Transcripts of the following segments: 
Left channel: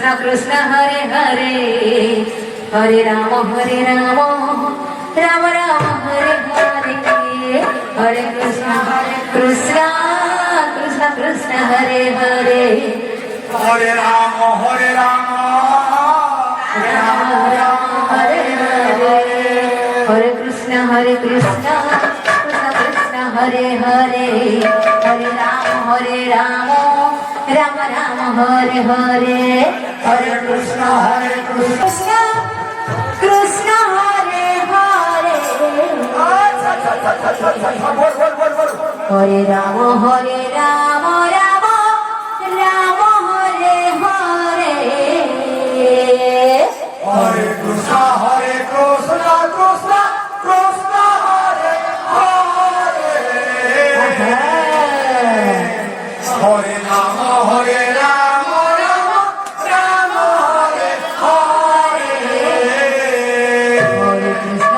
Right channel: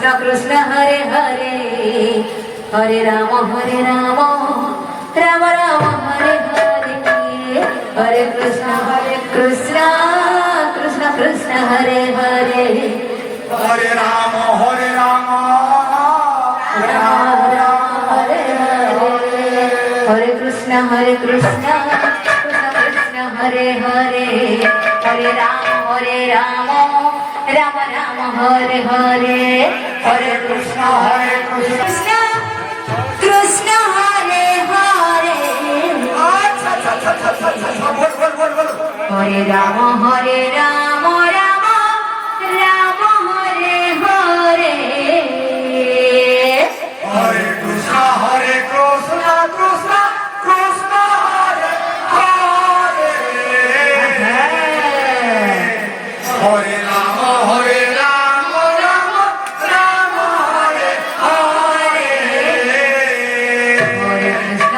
Krishna Krishna Hare Hare Hare Ram Ram Ram Hare Hare Hare Krishna Krishna Krishna Hare Hare Hare Ram Ram Ram Hare Hare Hare Krishna Krishna Krishna Hare Hare Hare Ram Ram Ram Hare Hare Hare Krishna Krishna Krishna Hare Hare Hare Ram Ram Ram Hare Hare Hare Krishna Krishna Krishna Hare Hare Hare Ram Ram Ram Hare Hare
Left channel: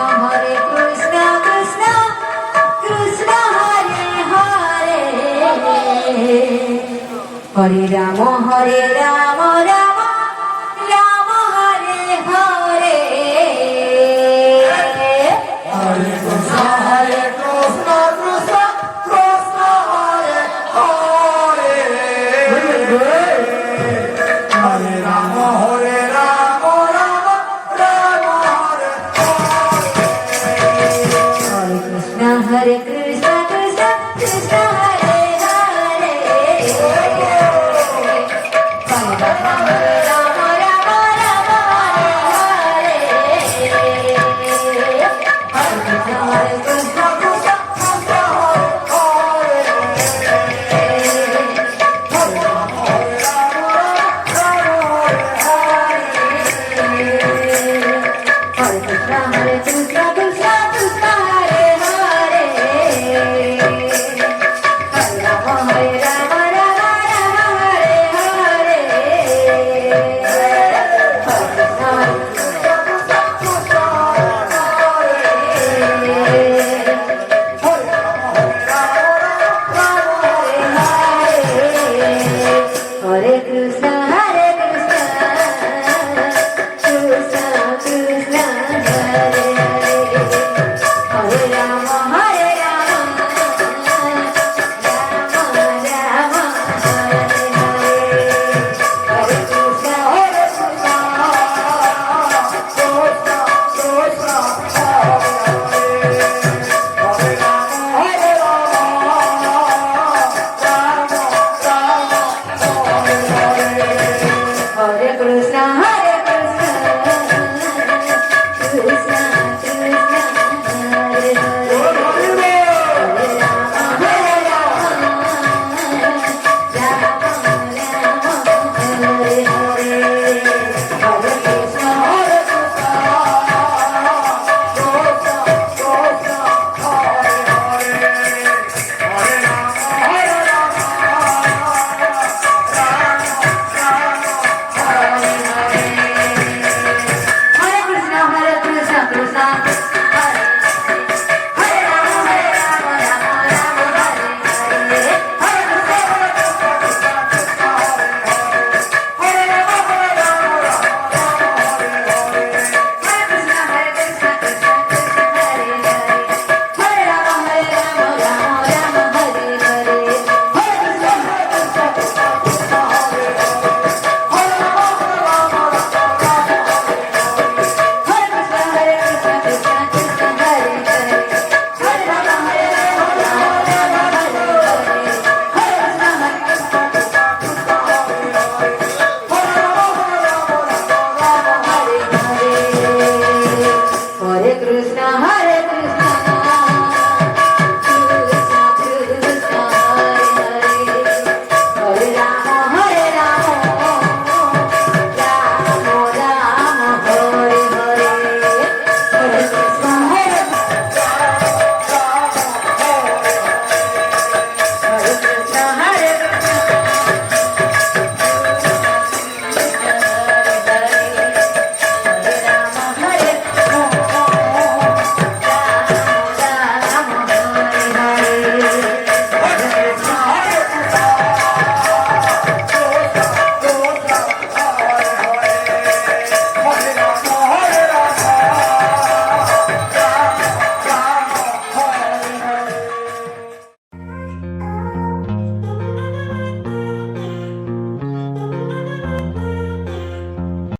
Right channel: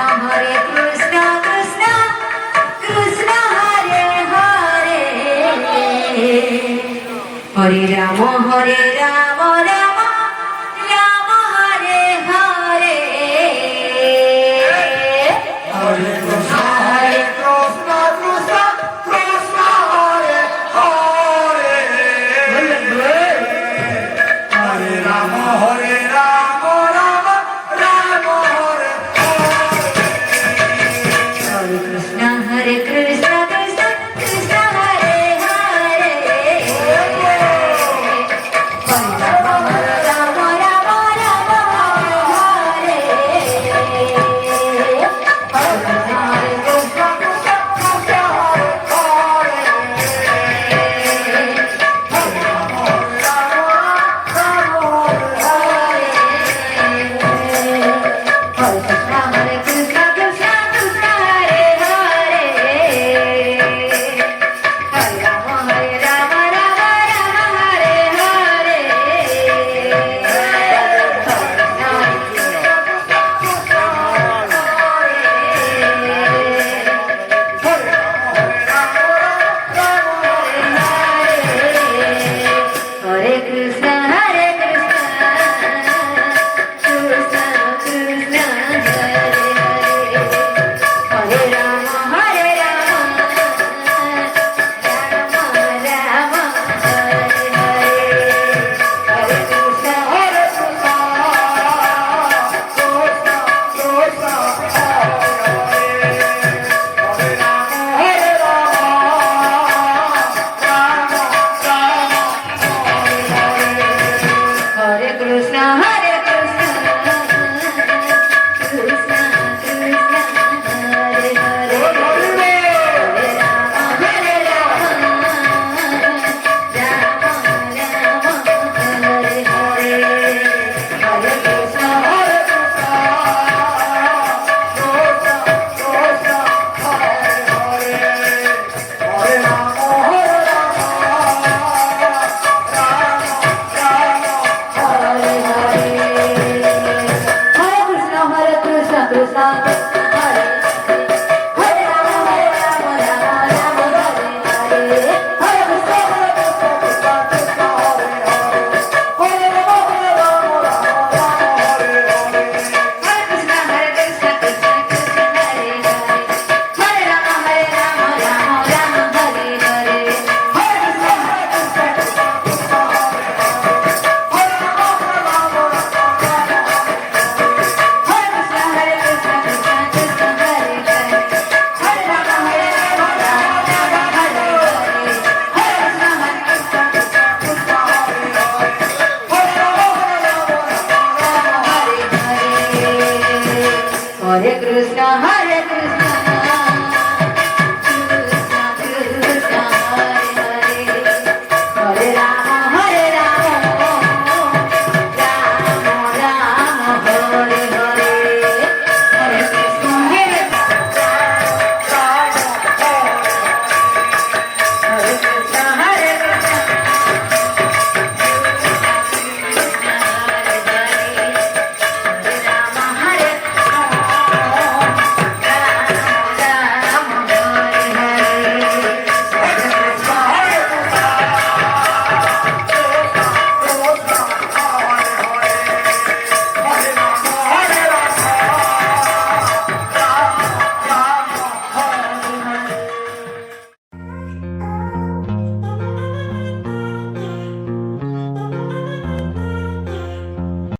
Hare Krishna Krishna Krishna Hare Hare Hare Ram Ram Hare Hare Hare Krishna Krishna Krishna Hare Hare Hare Ram Ram Ram Hare Hare Krishna Krishna Krishna Hare Hare Hare Ram Ram Hare Hare Hare Krishna Hare Krishna Krishna Krishna Hare Hare Hare Ram Ram Hare Hare Hare Krishna Krishna Krishna Hare Hare Hare Ram Ram Ram Hare Hare Hare Krishna Hare Krishna Krishna Krishna Hare Hare Hare Ram Ram Ram Hare Hare Hare